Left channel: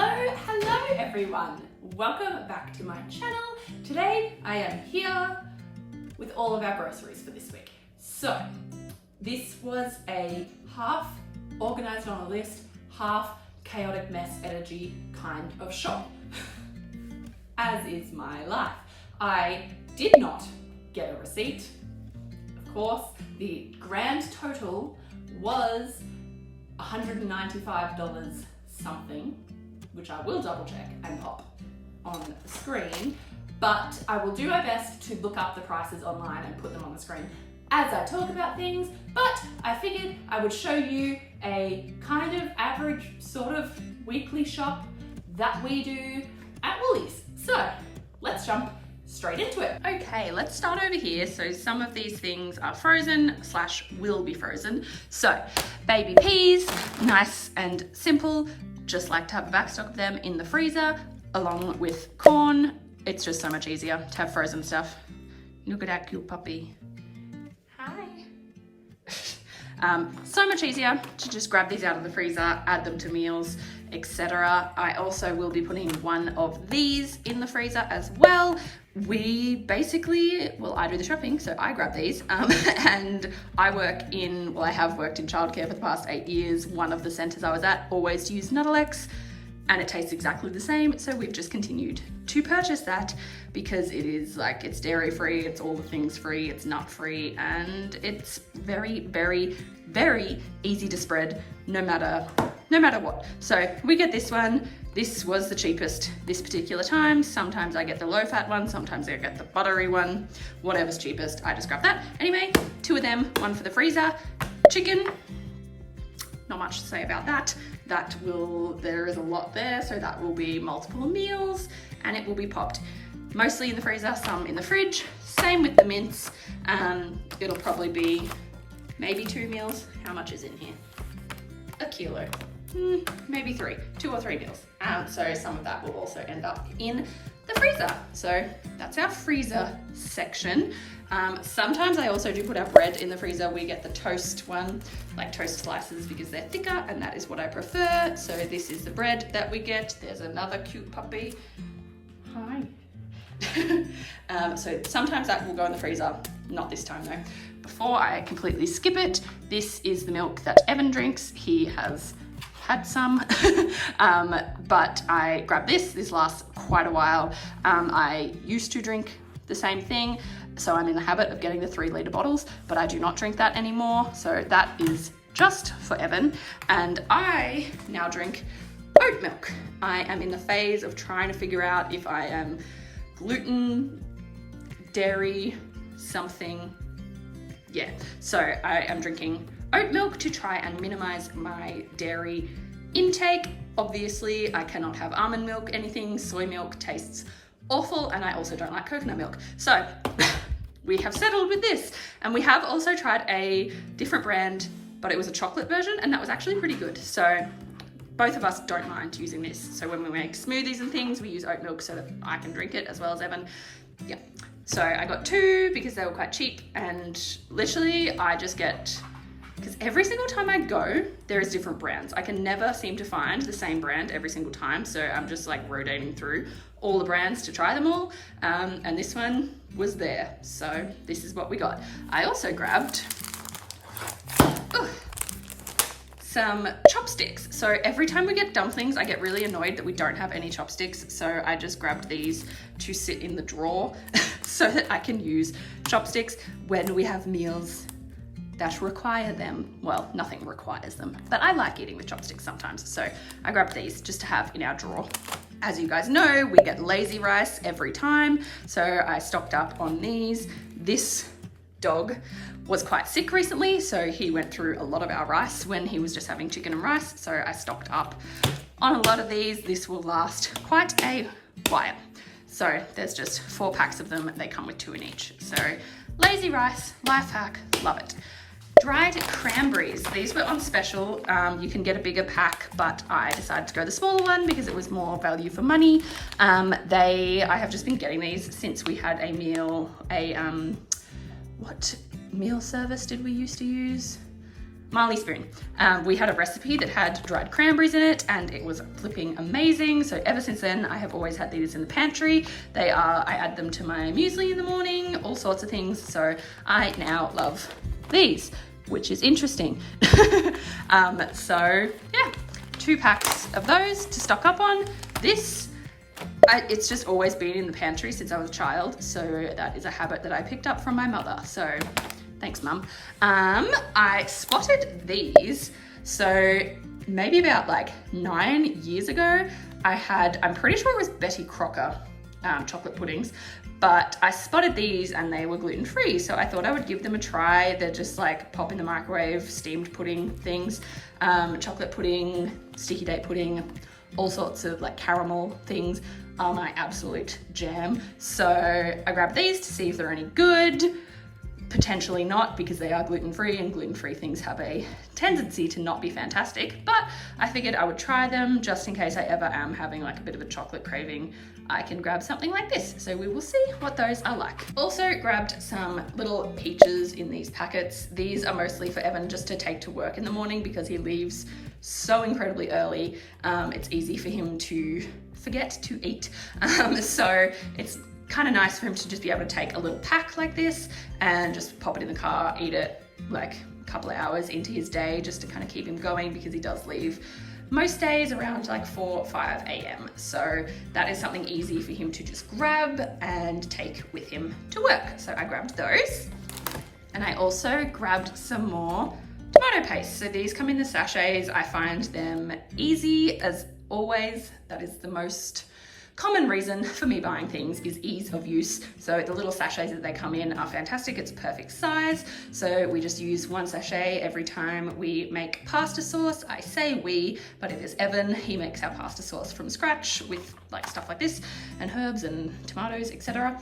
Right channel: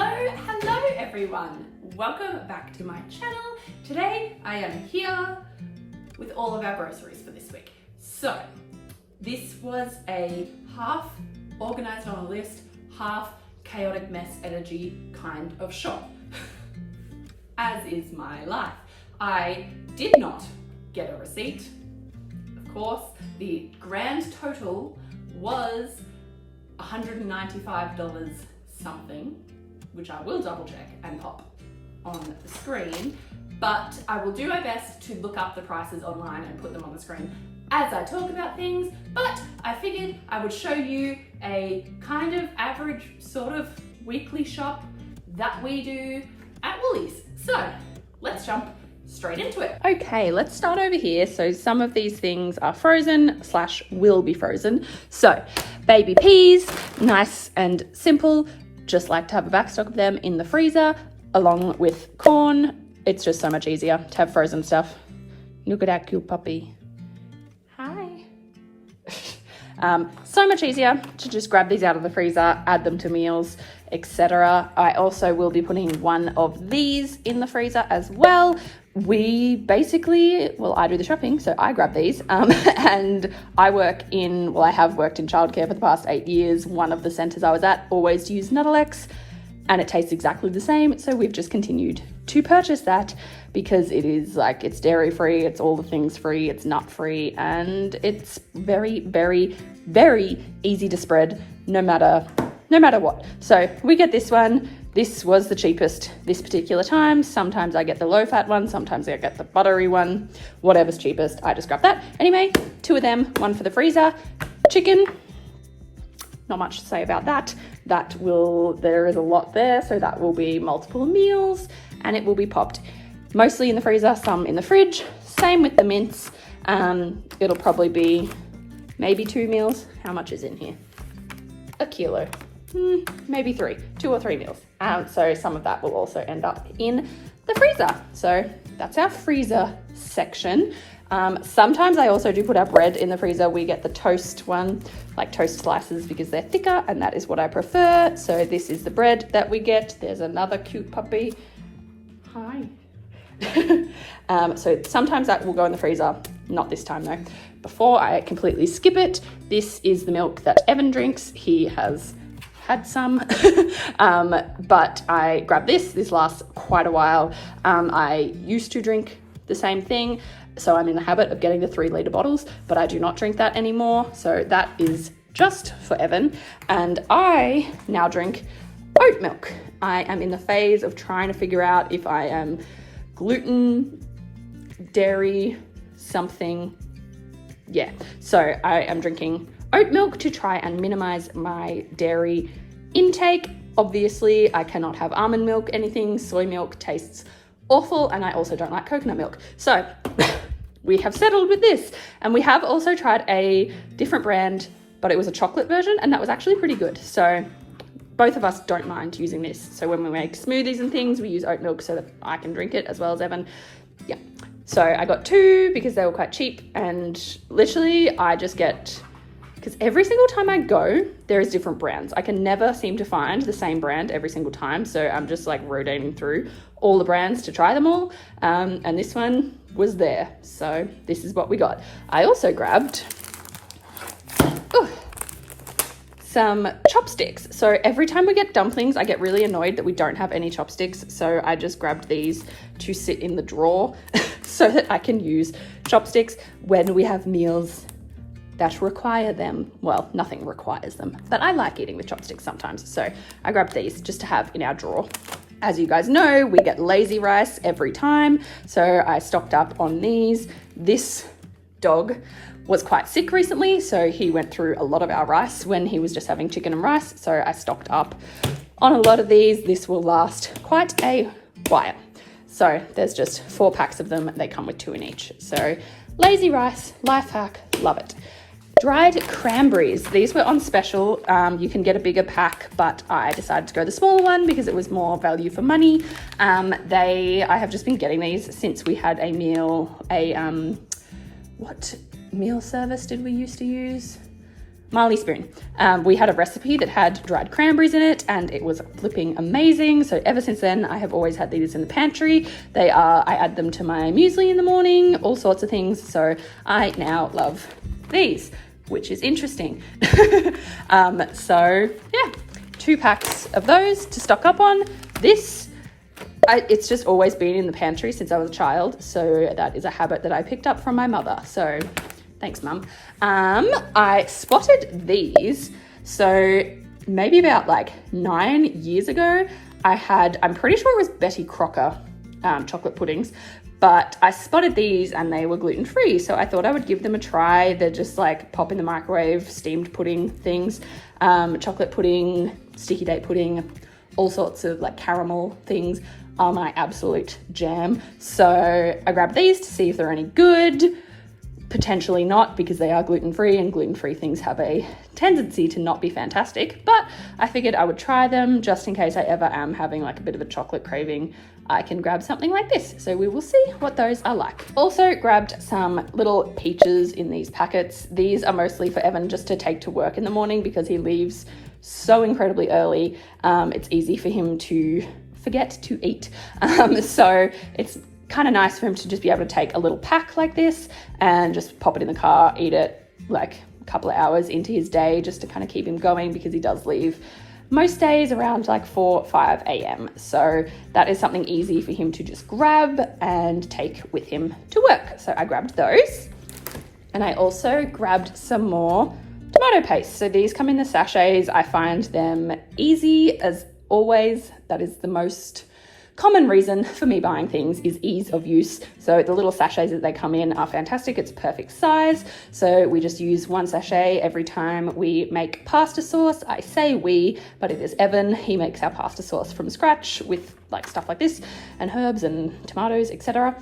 Hello everyone. Welcome back to my channel. Today I am here with all of our groceries for this week. So this was a half organized on a list, half chaotic mess energy kind of shop, as is my life. I did not get a receipt. Of course, the grand total was $195 something, which I will double check and pop on the screen, but I will do my best to look up the prices online and put them on the screen as I talk about things. But I figured I would show you a kind of average sort of weekly shop that we do at Woolies. So let's jump straight into it. Okay, let's start over here. So some of these things are frozen / will be frozen. So baby peas, nice and simple. Just like to have a backstock of them in the freezer along with corn. It's just so much easier to have frozen stuff. Look at that cute puppy. Hi. So much easier to just grab these out of the freezer, add them to meals, etc. I also will be putting one of these in the freezer as well. We basically, well, I do the shopping, so I grab these, and I have worked in childcare for the past 8 years. One of the centres I was at always used Nuttelex, and it tastes exactly the same, so we've just continued to purchase that because it is like, it's dairy free, it's all the things free, it's nut free, and it's very, very, very easy to spread no matter what. So we get this one. This was the cheapest this particular time. Sometimes I get the low fat one, sometimes I get the buttery one, whatever's cheapest, I just grab that. Anyway, 2 of them, one for the freezer. Chicken, not much to say about that. There is a lot there, so that will be multiple meals and it will be popped mostly in the freezer, some in the fridge. Same with the mince. It'll probably be maybe 2 meals. How much is in here? A kilo. Maybe 2 or 3 meals. So some of that will also end up in the freezer. So that's our freezer section. Sometimes I also do put our bread in the freezer. We get the toast one, like toast slices, because they're thicker and that is what I prefer. So this is the bread that we get. There's another cute puppy. Hi. So sometimes that will go in the freezer. Not this time though. Before I completely skip it, this is the milk that Evan drinks. He has had some, but I grabbed this lasts quite a while. I used to drink the same thing, so I'm in the habit of getting the 3-litre bottles, but I do not drink that anymore. So that is just for Evan. And I now drink oat milk. I am in the phase of trying to figure out if I am gluten, dairy, something. Yeah, so I am drinking oat milk to try and minimize my dairy intake. Obviously, I cannot have almond milk, anything. Soy milk tastes awful, and I also don't like coconut milk. So we have settled with this, and we have also tried a different brand, but it was a chocolate version, and that was actually pretty good. So both of us don't mind using this. So when we make smoothies and things, we use oat milk so that I can drink it as well as Evan. Yeah. So I got 2 because they were quite cheap, and literally I just get, because every single time I go, there is different brands. I can never seem to find the same brand every single time. So I'm just like rotating through all the brands to try them all. And this one was there. So this is what we got. I also grabbed some chopsticks. So every time we get dumplings, I get really annoyed that we don't have any chopsticks. So I just grabbed these to sit in the drawer so that I can use chopsticks when we have meals that require them. Well, nothing requires them, but I like eating with chopsticks sometimes. So I grabbed these just to have in our drawer. As you guys know, we get lazy rice every time. So I stocked up on these. This dog was quite sick recently, so he went through a lot of our rice when he was just having chicken and rice. So I stocked up on a lot of these. This will last quite a while. So there's just 4 packs of them. They come with 2 in each. So lazy rice, life hack, love it. Dried cranberries. These were on special. You can get a bigger pack, but I decided to go the smaller one because it was more value for money. I have just been getting these since we had a meal, what meal service did we used to use? Marley spoon. We had a recipe that had dried cranberries in it and it was flipping amazing. So ever since then, I have always had these in the pantry. I add them to my muesli in the morning, all sorts of things. So I now love these, which is interesting. So yeah, 2 packs of those to stock up on. It's just always been in the pantry since I was a child. So that is a habit that I picked up from my mother. So thanks, Mum. I spotted these. So maybe about like 9 years ago, I'm pretty sure it was Betty Crocker chocolate puddings, but I spotted these and they were gluten-free. So I thought I would give them a try. They're just like pop in the microwave, steamed pudding things, chocolate pudding, sticky date pudding, all sorts of like caramel things are my absolute jam. So I grabbed these to see if they're any good. Potentially not, because they are gluten-free and gluten-free things have a tendency to not be fantastic, but I figured I would try them just in case I ever am having like a bit of a chocolate craving. I can grab something like this. So we will see what those are like. Also grabbed some little peaches in these packets. These are mostly for Evan just to take to work in the morning because he leaves so incredibly early. It's easy for him to forget to eat. So it's kind of nice for him to just be able to take a little pack like this and just pop it in the car, eat it like a couple of hours into his day just to kind of keep him going, because he does leave most days around like 5 a.m. So that is something easy for him to just grab and take with him to work. So I grabbed those, and I also grabbed some more tomato paste. So these come in the sachets. I find them easy as always. That is the most common reason for me buying things, is ease of use. So the little sachets that they come in are fantastic. It's perfect size. So we just use 1 sachet every time we make pasta sauce. I say we, but it is Evan. He makes our pasta sauce from scratch with like stuff like this and herbs and tomatoes, etc.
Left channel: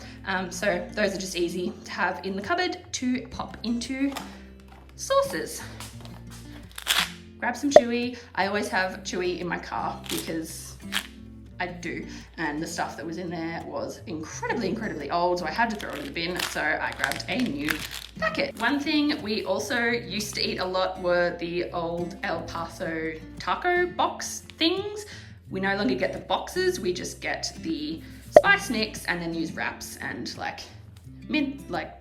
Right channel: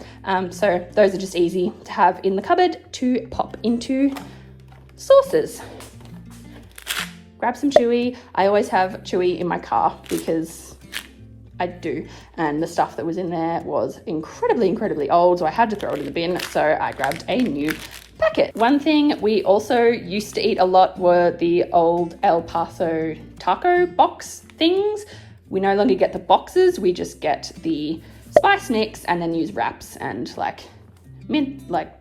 So those are just easy to have in the cupboard to pop into sauces. Grab some chewy. I always have chewy in my car because I do, and the stuff that was in there was incredibly old, so I had to throw it in the bin. So I grabbed a new packet. One thing we also used to eat a lot were the old El Paso taco box things. We no longer get the boxes, we just get the spice mix and then use wraps and like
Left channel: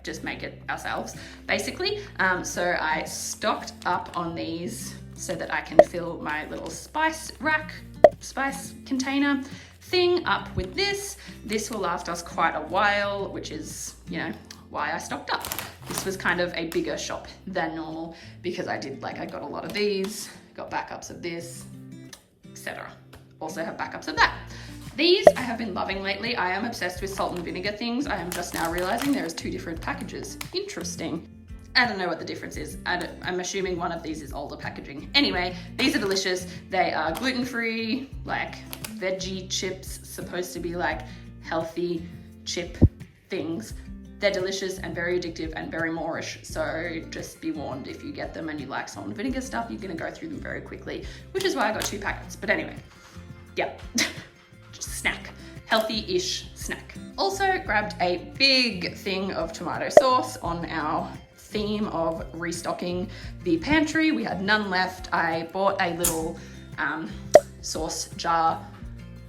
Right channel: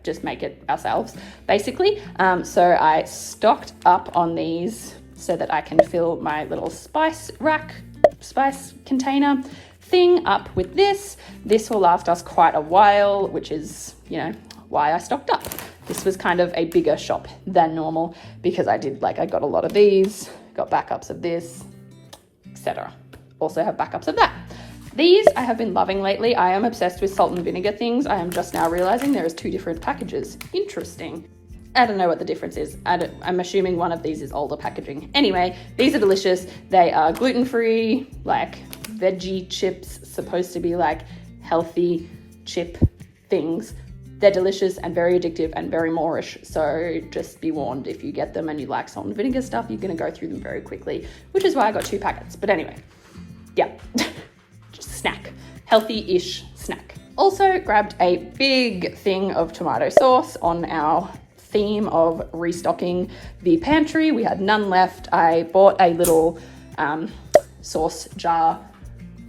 just make it ourselves basically. So I stocked up on these so that I can fill my little spice container thing up with this. This will last us quite a while, which is, you know, why I stocked up. This was kind of a bigger shop than normal because I got a lot of these, got backups of this, etc. Also have backups of that. These I have been loving lately. I am obsessed with salt and vinegar things. I am just now realizing there is 2 different packages. Interesting. I don't know what the difference is. I'm assuming one of these is older packaging. Anyway, these are delicious. They are gluten-free, like veggie chips, supposed to be like healthy chip things. They're delicious and very addictive and very Moorish. So just be warned, if you get them and you like salt and vinegar stuff, you're gonna go through them very quickly, which is why I got 2 packets. But anyway, yeah, just snack, healthy-ish snack. Also grabbed a big thing of tomato sauce on our theme of restocking the pantry. We had none left. I bought a little sauce jar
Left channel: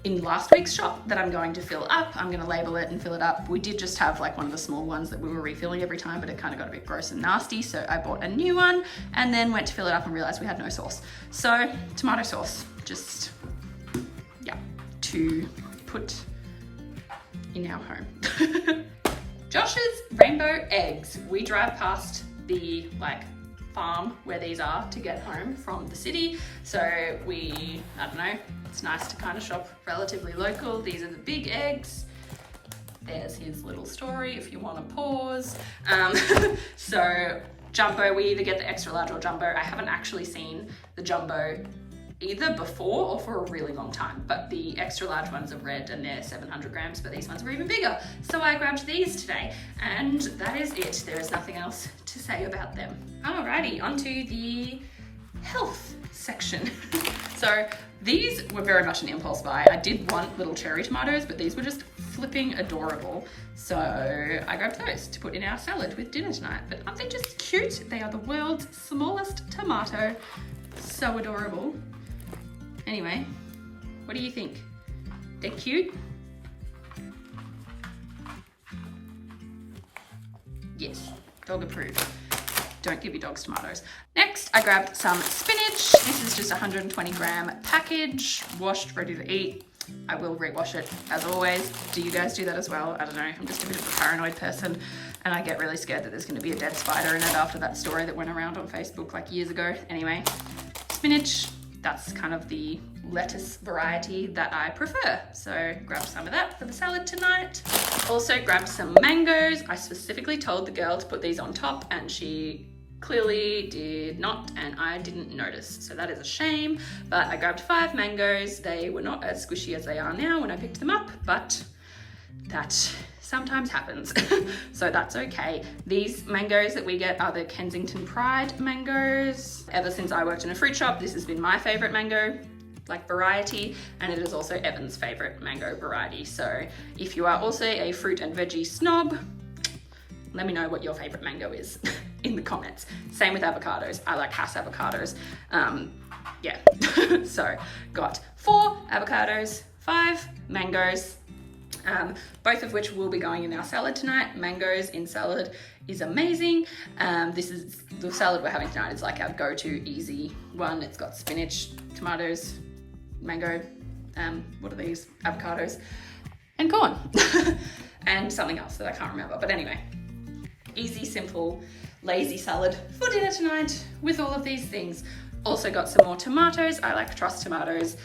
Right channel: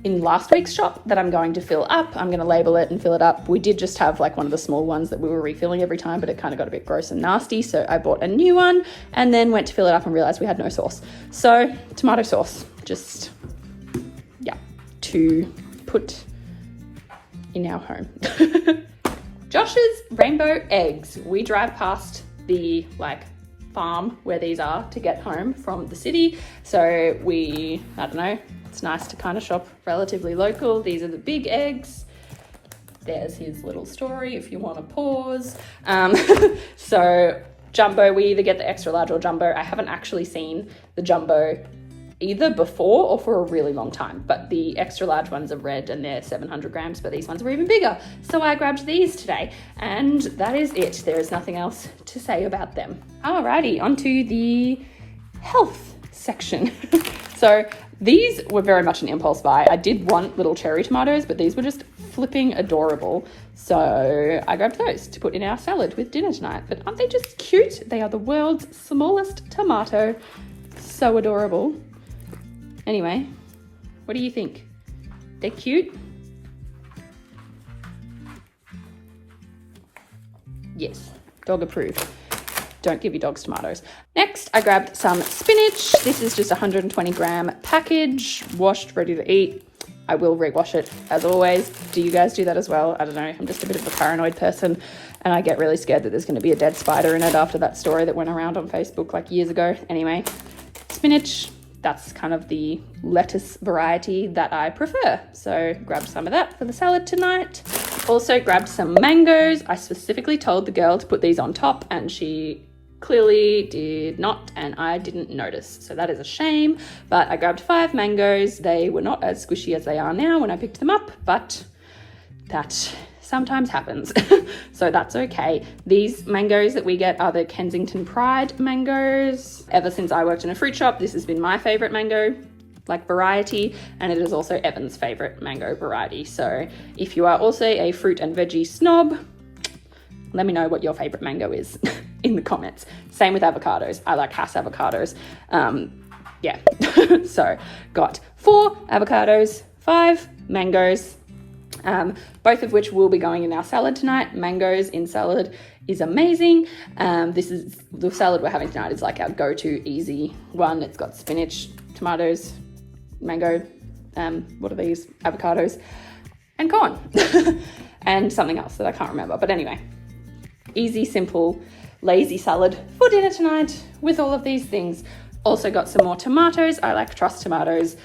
in last week's shop that I'm going to fill up. I'm going to label it and fill it up. We did just have like one of the small ones that we were refilling every time, but it kind of got a bit gross and nasty. So I bought a new one and then went to fill it up and realized we had no sauce. So tomato sauce, just, yeah, to put in our home. Josh's rainbow eggs. We drive past the farm where these are to get home from the city. So I don't know, it's nice to kind of shop relatively local. These are the big eggs. There's his little story if you want to pause. So jumbo, we either get the extra large or jumbo. I haven't actually seen the jumbo either before or for a really long time, but the extra large ones are red and they're 700 grams, but these ones are even bigger. So I grabbed these today and that is it. There is nothing else to say about them. Alrighty, onto the health section. So These were very much an impulse buy. I did want little cherry tomatoes, but these were just flipping adorable. So I grabbed those to put in our salad with dinner tonight. But aren't they just cute? They are the world's smallest tomato. So adorable. Anyway, what do you think? They're cute? Yes, dog approved. Don't give your dogs tomatoes. Next, I grabbed some spinach. This is just a 120 gram package, washed, ready to eat. I will rewash it as always. Do you guys do that as well? I don't know. I'm just a bit of a paranoid person and I get really scared that there's going to be a dead spider in it after that story that went around on Facebook like years ago. Anyway, spinach, that's kind of the lettuce variety that I prefer. So grabbed some of that for the salad tonight. Also grabbed some mangoes. I specifically told the girl to put these on top and she clearly did not, and I didn't notice. So that is a shame, but I grabbed 5 mangoes. They were not as squishy as they are now when I picked them up, but that sometimes happens. So that's okay. These mangoes that we get are the Kensington Pride mangoes. Ever since I worked in a fruit shop, this has been my favorite mango variety, and it is also Evan's favorite mango variety. So if you are also a fruit and veggie snob, let me know what your favorite mango is in the comments. Same with avocados. I like Hass avocados. Yeah, so got 4 avocados, 5 mangoes, both of which will be going in our salad tonight. Mangoes in salad is amazing. This is the salad we're having tonight is like our go-to easy one. It's got spinach, tomatoes, mango, what are these? Avocados and corn and something else that I can't remember. But anyway, easy, simple, lazy salad for dinner tonight with all of these things. Also got some more tomatoes. I like Truss tomatoes.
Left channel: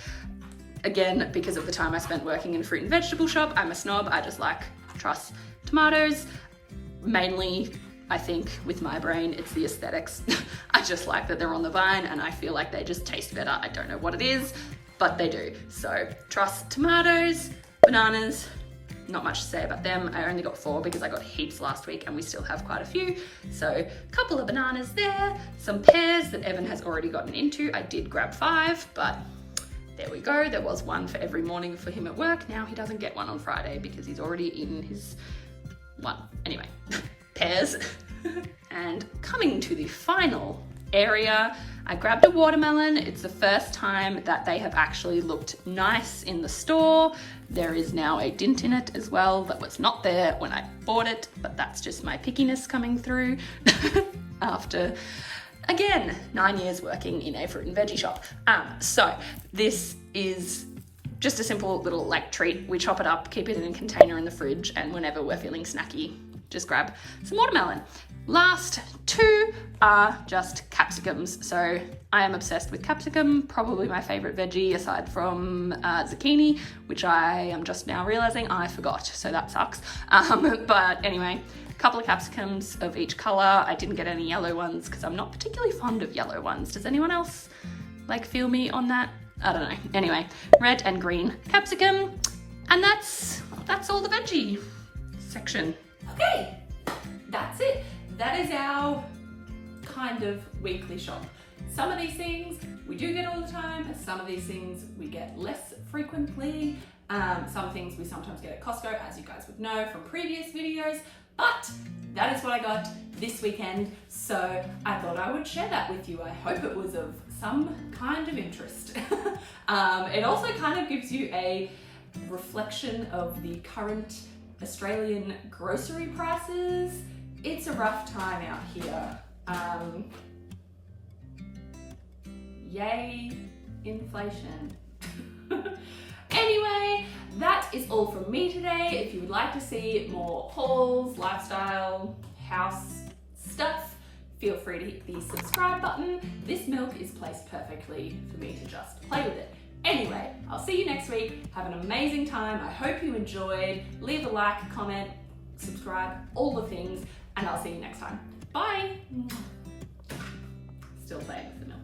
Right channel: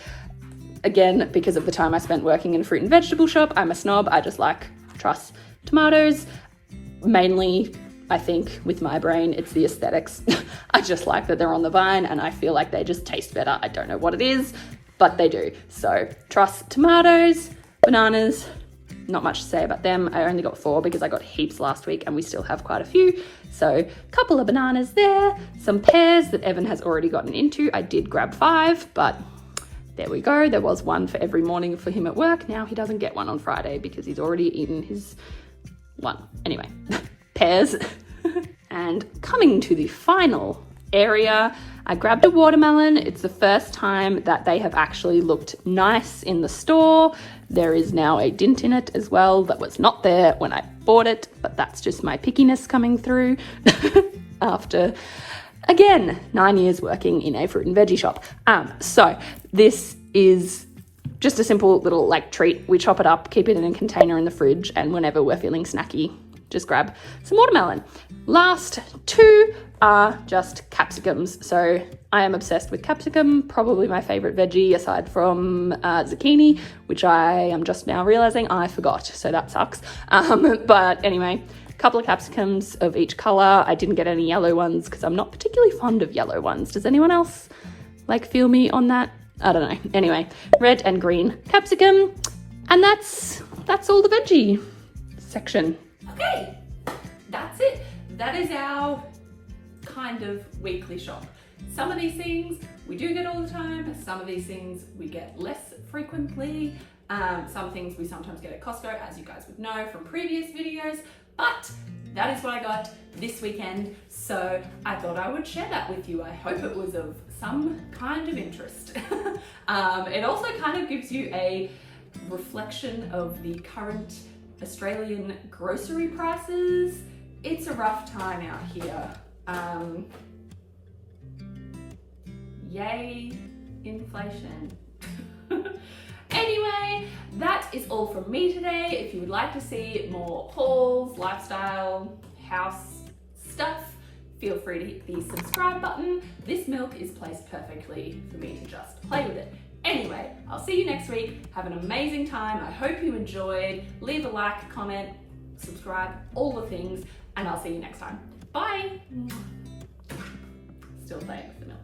Again, because of the time I spent working in a fruit and vegetable shop, I'm a snob. I just like Truss tomatoes. Mainly, I think with my brain, it's the aesthetics. I just like that they're on the vine and I feel like they just taste better. I don't know what it is, but they do. So Truss tomatoes, bananas, not much to say about them. I only got 4 because I got heaps last week and we still have quite a few. So a couple of bananas there, some pears that Evan has already gotten into. I did grab 5, but there we go. There was 1 for every morning for him at work. Now he doesn't get one on Friday because he's already eaten his 1. Anyway, pears. And coming to the final area, I grabbed a watermelon. It's the first time that they have actually looked nice in the store. There is now a dint in it as well that was not there when I bought it, but that's just my pickiness coming through after, again, 9 years working in a fruit and veggie shop. So this is just a simple little treat. We chop it up, keep it in a container in the fridge, and whenever we're feeling snacky, just grab some watermelon. Last 2 are just capsicums. So I am obsessed with capsicum, probably my favorite veggie aside from zucchini, which I am just now realizing I forgot, so that sucks. But anyway, a couple of capsicums of each color. I didn't get any yellow ones because I'm not particularly fond of yellow ones. Does anyone else feel me on that? I don't know. Anyway, red and green capsicum, and that's all the veggie section. Okay, that's it. That is our kind of weekly shop. Some of these things we do get all the time. Some of these things we get less frequently. Some things we sometimes get at Costco, as you guys would know from previous videos, but that is what I got this weekend. So I thought I would share that with you. I hope it was of some kind of interest. It also kind of gives you a reflection of the current Australian grocery prices. It's a rough time out here. Yay, inflation. Anyway, that is all from me today. If you would like to see more hauls, lifestyle, house stuff, feel free to hit the subscribe button. This milk is placed perfectly for me to just play with it. Anyway, I'll see you next week. Have an amazing time. I hope you enjoyed. Leave a like, comment, subscribe, all the things, and I'll see you next time. Bye. Still playing with the milk.